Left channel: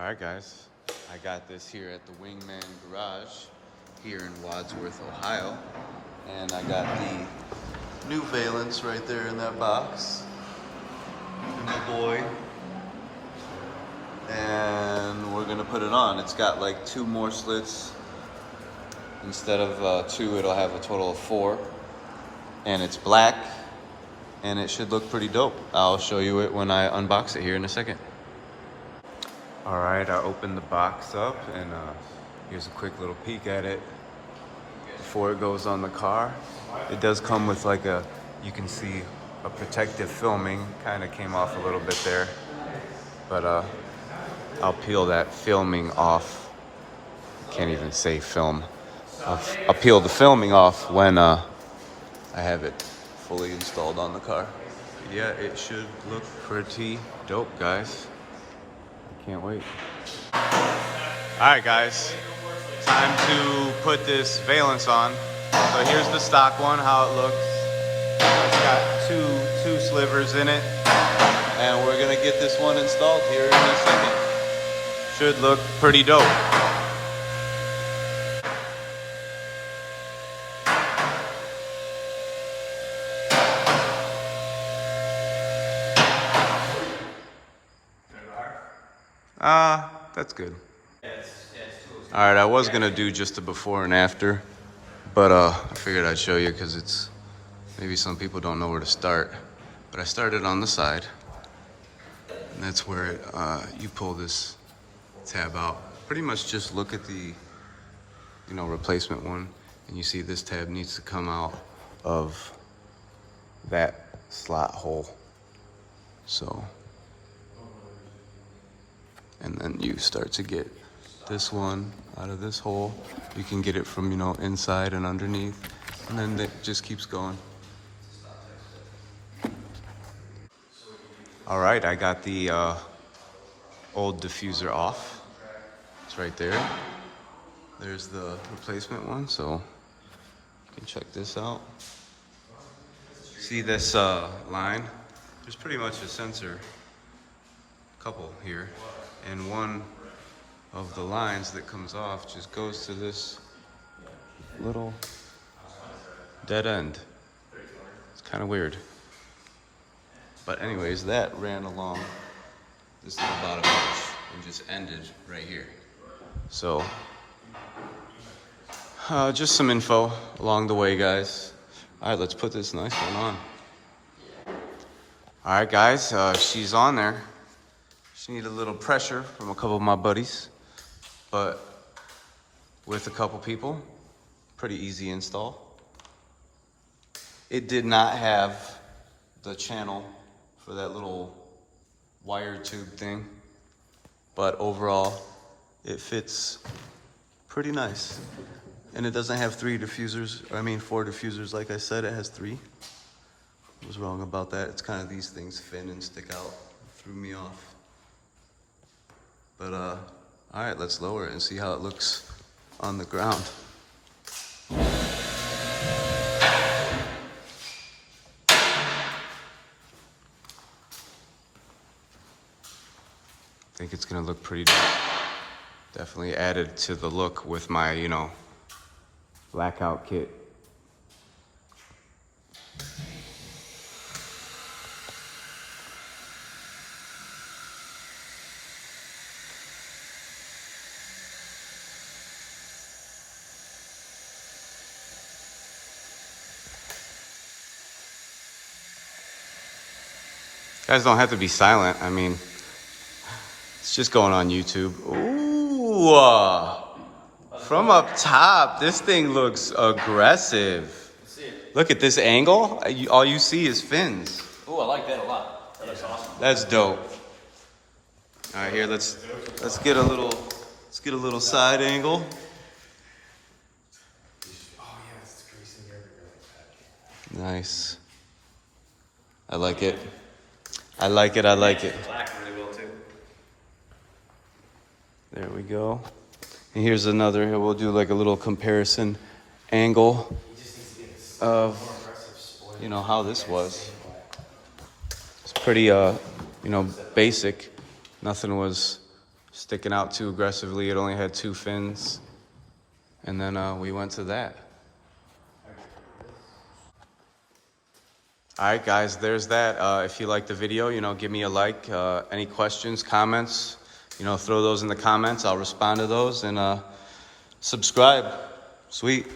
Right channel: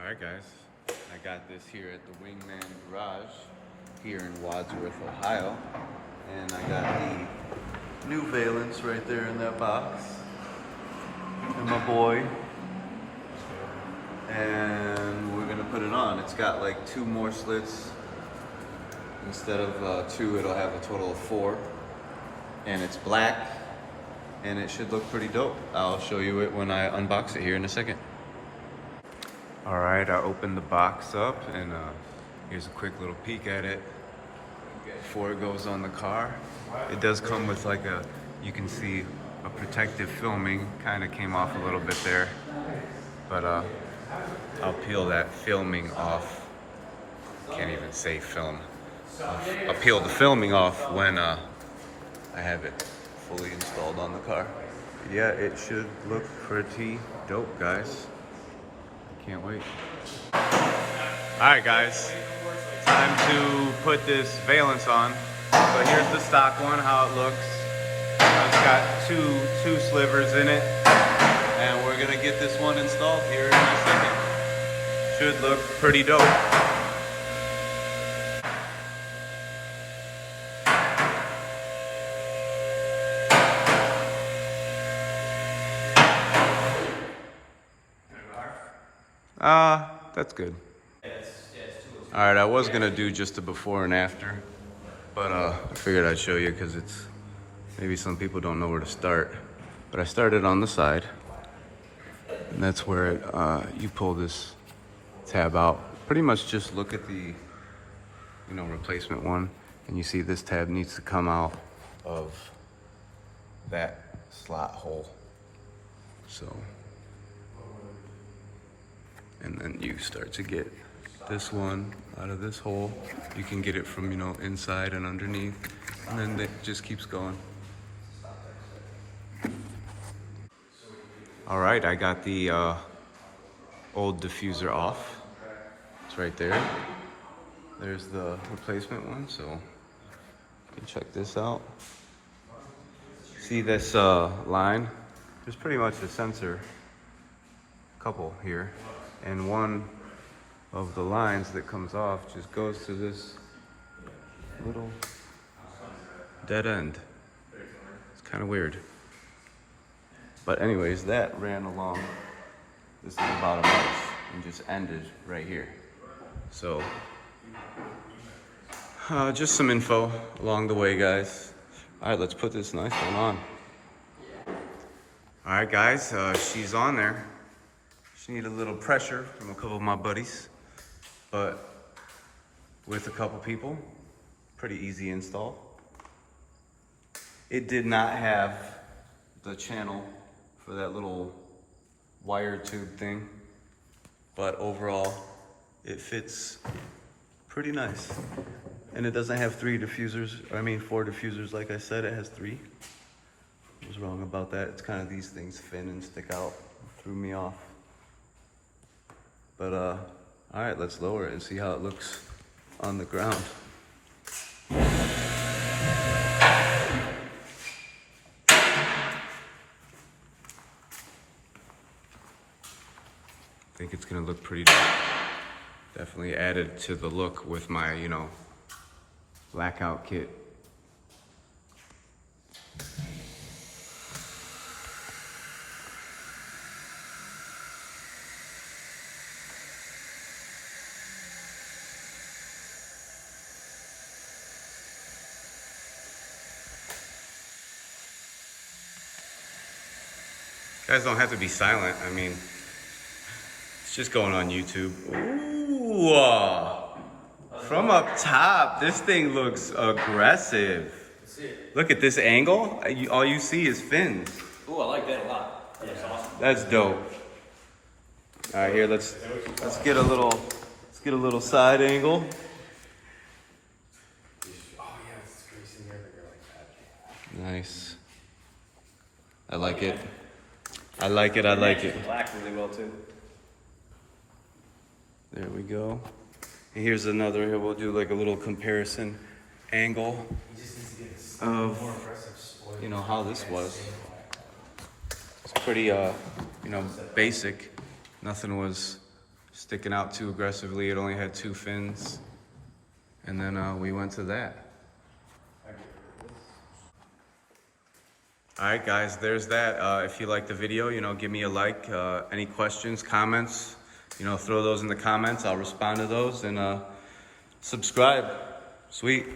All right, guys, I got this here at the Wingman Garage here in Wadsworth, Ohio. And I got the new valence right there in that box. And my boy. And we're gonna put it on. It's got like 2 more slits. Instead of 2, it'll have a total of 4. And it's black, and it should look pretty dope. I'll show you it when I unbox it here in a second. All right, I opened the box up, and here's a quick little peek at it before it goes on the car. It does come with like you can see a protective filming, kind of came off a little bit there, but I'll peel that filming off. Can't even say film. I'll peel the filming off when I have it fully installed on the car. Yeah, it should look pretty dope, guys. Can't wait. All right, guys, time to put this valence on. But here's the stock one, how it looks. It's got two slivers in it, and we're gonna get this one installed here in a second. Should look pretty dope. That's good. All right, I was gonna do just a before and after, but I figured I'd show you because it's maybe some people don't know where to start. But I started on the side, and that's where you pull this tab out. Pretty much just look at the replacement one, and you see this tab needs to come out of that slot hole. So. And then you start to get this one out of this hole. You can get it from, inside and underneath. And then it just keeps going. All right, I got the old diffuser off. It's right there. There's the replacement one, so you can check this out. See this line? There's pretty much a sensor couple here. And one of the lines that comes off just goes to this little dead end. It's kind of weird. But anyways, that ran along this little bottom arch and just ended right here. So, just some info along the way, guys. All right, let's put this nice one on. All right, guys, she's on there. She needed a little pressure from a couple of my buddies, but with a couple people, pretty easy install. It did not have the channel for that little wire tube thing, but overall, it fits pretty nice. And it doesn't have 4 diffusers like I said, it has 3. I was wrong about that. It's kind of these things fin and stick out, threw me off. But, all right, let's lower it and see how it looks on the ground. I think it's gonna look pretty dope. Definitely added to the look with my, blackout kit. Guys don't have to be silent. I mean, it's just going on YouTube. Ooh, from up top, this thing looks aggressive. Look at this angle. All you see is fins. Ooh, I like that a lot. That's awesome. That's dope. All right, here let's get a little side angle. Nice. I like it. I like it. Black really well too. There we go. And here's another. Here we'll do like a little comparison angle of how this was. It's pretty basic. Nothing was sticking out too aggressively. It only had 2 fins. And then we went to that. All right, guys, there's that. If you like the video, you know, give me a like. Any questions, comments, you know, throw those in the comments. I'll respond to those, and subscribe. Sweet.